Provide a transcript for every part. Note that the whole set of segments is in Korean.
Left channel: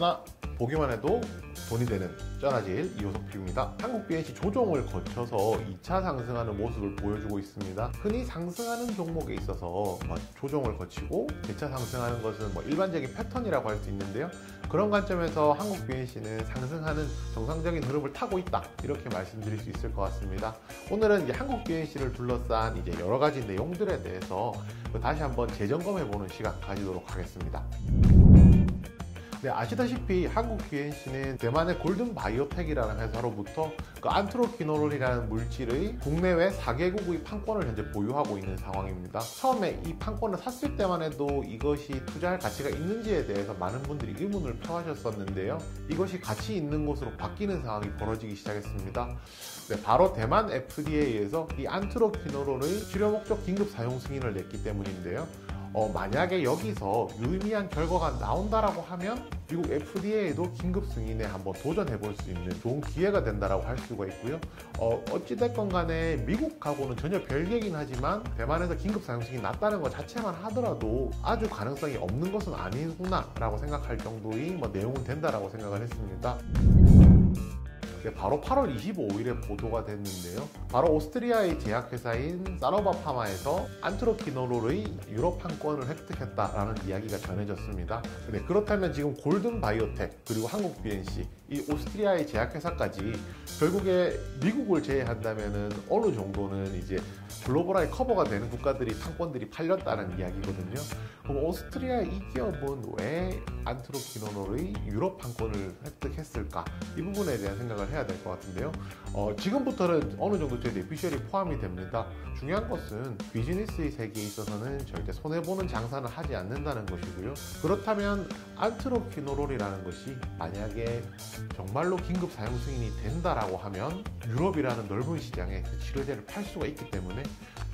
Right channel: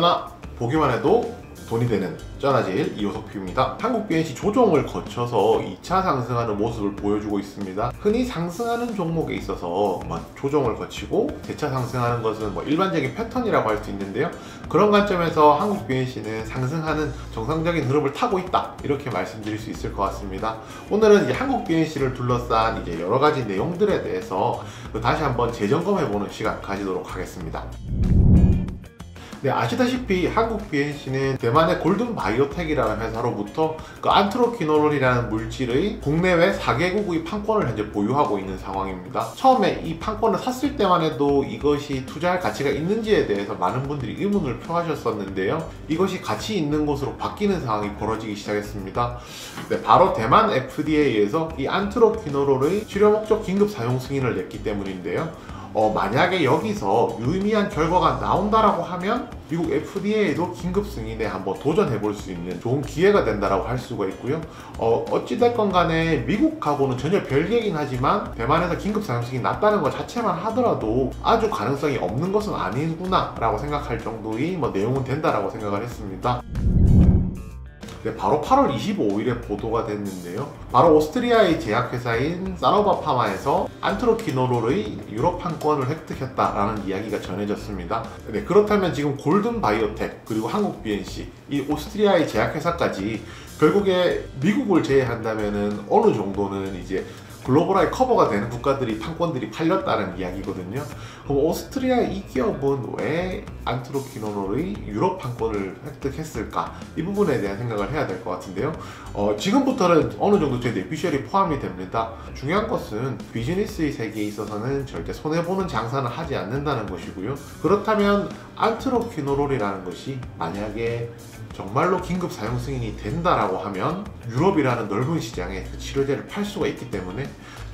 쩌나 보기만 해도 돈이 되는 쩌나제일 이호석P입니다. 한국 BNC 조정을 거쳐서 2차 상승하는 모습을 보여주고 있습니다. 흔히 상승하는 종목에 있어서 조정을 거치고 대차 상승하는 것은 일반적인 패턴이라고 할 수 있는데요. 그런 관점에서 한국 BNC는 상승하는 정상적인 흐름을 타고 있다, 이렇게 말씀드릴 수 있을 것 같습니다. 오늘은 이제 한국 BNC를 둘러싼 이제 여러 가지 내용들에 대해서 다시 한번 재점검해보는 시간 가지도록 하겠습니다. 네, 아시다시피 한국 BNC는 대만의 골든 바이오텍이라는 회사로부터 안트로퀴놀이라는 물질의 국내외 4개국의 판권을 현재 보유하고 있는 상황입니다. 처음에 이 판권을 샀을 때만 해도 이것이 투자할 가치가 있는지에 대해서 많은 분들이 의문을 표하셨었는데요. 이것이 가치 있는 것으로 바뀌는 상황이 벌어지기 시작했습니다. 네, 바로 대만 FDA에서 이 안트로퀴놀의 치료 목적 긴급 사용 승인을 냈기 때문인데요. 만약에 여기서 유의미한 결과가 나온다라고 하면 미국 FDA도 긴급 승인에 한번 도전해 볼 수 있는 좋은 기회가 된다라고 할 수가 있고요. 어찌됐건 간에 미국하고는 전혀 별개이긴 하지만 대만에서 긴급 사용 승인이 났다는 것 자체만 하더라도 아주 가능성이 없는 것은 아니구나 라고 생각할 정도의 내용은 된다라고 생각을 했습니다. 네, 바로 8월 25일에 보도가 됐는데요. 바로 오스트리아의 제약회사인 사노바 파마에서 안트로퀴놀의 유럽 판권을 획득했다라는 이야기가 전해졌습니다. 네, 그렇다면 지금 골든 바이오텍 그리고 한국 BNC, 이 오스트리아의 제약회사까지 결국에 미국을 제외한다면은 어느 정도는 이제 글로벌하게 커버가 되는 국가들이 판권들이 팔렸다는 이야기거든요. 그럼 오스트리아의 이 기업은 왜 안트로퀴놀의 유럽 판권을 획득했을까? 이 부분에 대한 생각을 해야 될 것 같은데요. 지금부터는 어느 정도 제 뇌피셜이 포함이 됩니다. 중요한 것은 비즈니스의 세계에 있어서는 절대 손해보는 장사는 하지 않는다는 것이고요. 그렇다면 안트로퀴놀이라는 것이 만약에 정말로 긴급 사용 승인이 된다라고 하면 유럽이라는 넓은 시장에 그 치료제를 팔 수가 있기 때문에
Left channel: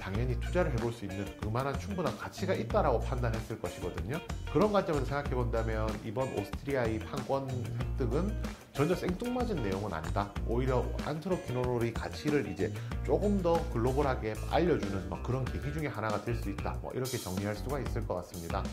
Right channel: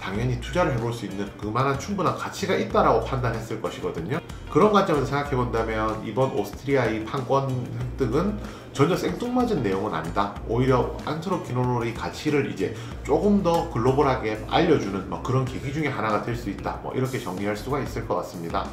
당연히 투자를 해볼 수 있는 그만한 충분한 가치가 있다라고 판단했을 것이거든요. 그런 관점에서 생각해 본다면 이번 오스트리아의 판권 획득은 전혀 생뚱맞은 내용은 아니다. 오히려 안트로퀴놀의 가치를 이제 조금 더 글로벌하게 알려주는 그런 계기 중에 하나가 될 수 있다. 이렇게 정리할 수가 있을 것 같습니다.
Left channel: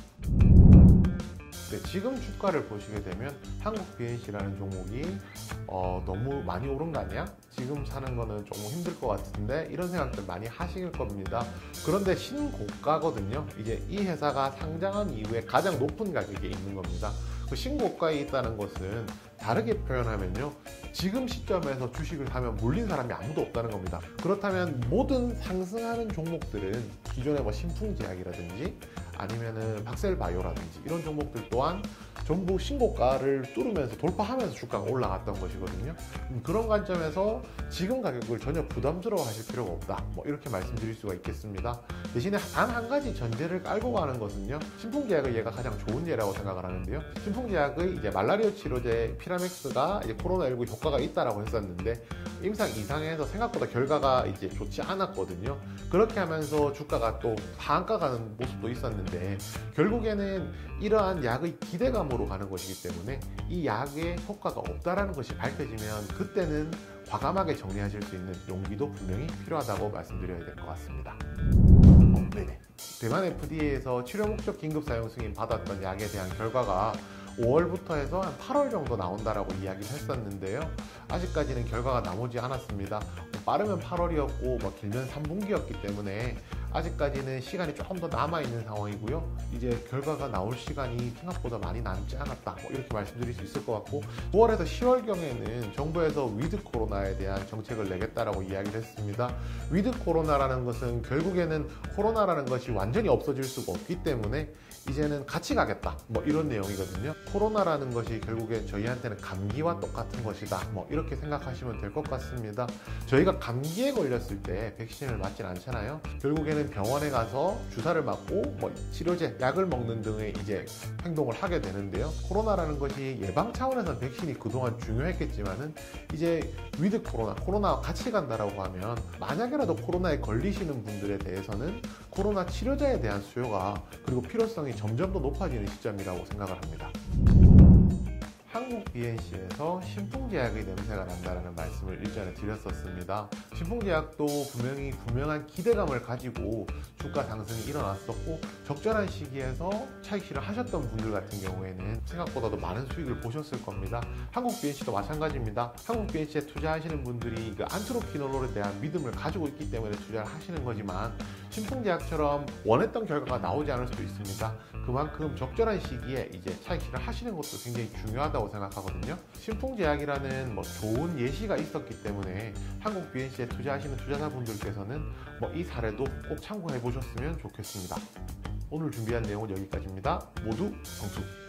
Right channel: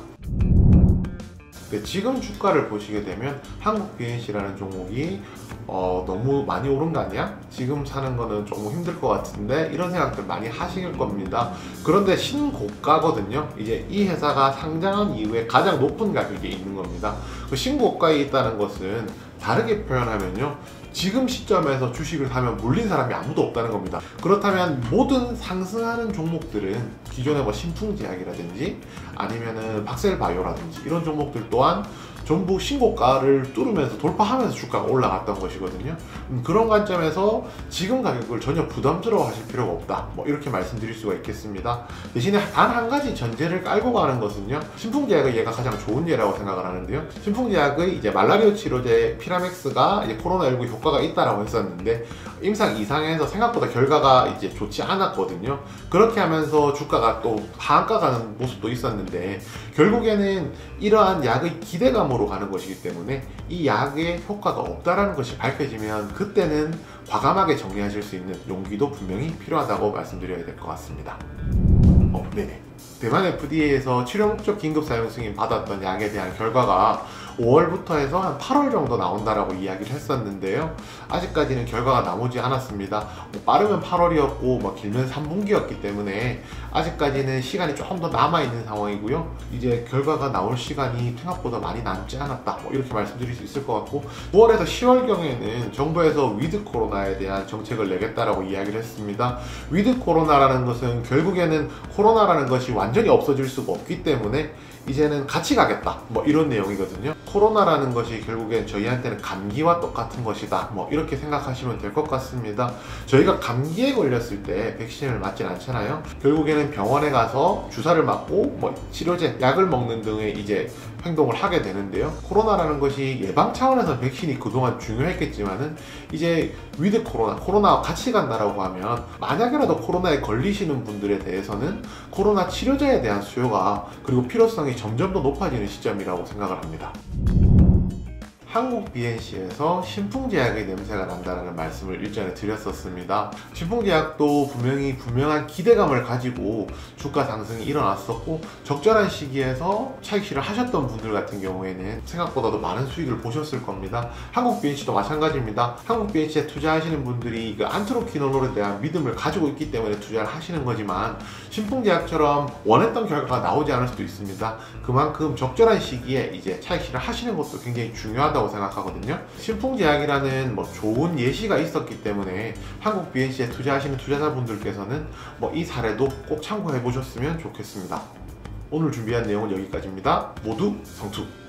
네, 지금 주가를 보시게 되면 한국 BNC라는 종목이 너무 많이 오른 거 아니야? 지금 사는 거는 조금 힘들 것 같은데, 이런 생각들 많이 하실 겁니다. 그런데 신고가거든요. 이제 이 회사가 상장한 이후에 가장 높은 가격에 있는 겁니다. 그 신고가에 있다는 것은 다르게 표현하면요, 지금 시점에서 주식을 사면 물린 사람이 아무도 없다는 겁니다. 그렇다면 모든 상승하는 종목들은 기존의 신풍제약이라든지 아니면은 박셀바이오라든지 이런 종목들 또한 전부 신고가를 뚫으면서 돌파하면서 주가가 올라갔던 것이거든요. 그런 관점에서 지금 가격을 전혀 부담스러워 하실 필요가 없다, 이렇게 말씀드릴 수가 있겠습니다. 대신에 단 한 가지 전제를 깔고 가는 것은요, 신풍제약의 얘가 가장 좋은 예라고 생각을 하는데요. 신풍제약의 이제 말라리오 치료제 피라맥스가 이제 코로나19 효과가 있다라고 했었는데 임상 이상에서 생각보다 결과가 이제 좋지 않았거든요. 그렇게 하면서 주가가 또 하한가 가는 모습도 있었는데 결국에는 이러한 약의 기대감으로 가는 것이기 때문에 이 약의 효과가 없다라는 것이 밝혀지면 그때는 과감하게 정리하실 수 있는 용기도 분명히 필요하다고 말씀드려야 될 것 같습니다. 네네. 대만 FDA에서 치료 목적 긴급 사용 승인 받았던 약에 대한 결과가 5월부터 해서 한 8월 정도 나온다라고 이야기를 했었는데요. 아직까지는 결과가 나오지 않았습니다. 빠르면 8월이었고 길면 3분기였기 때문에 아직까지는 시간이 조금 더 남아있는 상황이고요. 이제 결과가 나올 시간이 생각보다 많이 남지 않았다, 이렇게 말씀드릴 수 있을 것 같고, 9월에서 10월경에는 정부에서 위드 코로나에 대한 정책을 내겠다라고 이야기를 했습니다. 위드 코로나라는 것은 결국에는 코로나라는 것이 완전히 없어질 수가 없기 때문에 이제는 같이 가겠다, 이런 내용이거든요. 코로나라는 것이 결국엔 저희한테는 감기와 똑같은 것이다, 이렇게 생각하시면 될 것 같습니다. 저희가 감기에 걸렸을 때 백신을 맞진 않잖아요. 결국에는 병원에 가서 주사를 맞고 치료제, 약을 먹는 등의 이제 행동을 하게 되는데요. 코로나라는 것이 예방 차원에서 백신이 그동안 중요했겠지만은 이제 위드 코로나와 같이 간다라고 하면 만약에라도 코로나에 걸리시는 분들에 대해서는 코로나 치료제에 대한 수요가 그리고 필요성이 점점 더 높아지는 시점이라고 생각을 합니다. 한국 BNC에서 신풍제약의 냄새가 난다는 말씀을 일전에 드렸었습니다. 신풍제약도 분명한 기대감을 가지고 주가 상승이 일어났었고, 적절한 시기에서 차익 실을 하셨던 분들 같은 경우에는 생각보다도 많은 수익을 보셨을 겁니다. 한국 BNC도 마찬가지입니다. 한국 BNC에 투자하시는 분들이 그 안트로키노론에 대한 믿음을 가지고 있기 때문에 투자를 하시는 거지만, 신풍제약처럼 원했던 결과가 나오지 않을 수도 있습니다. 그만큼 적절한 시기에 이제 차익 실을 하시는 것도 굉장히 중요하다고 생각하거든요. 신풍제약이라는 좋은 예시가 있었기 때문에 한국 BNC에 투자하시는 투자자분들께서는 이 사례도 꼭 참고해 보셨으면 좋겠습니다. 오늘 준비한 내용은 여기까지입니다. 모두 성투!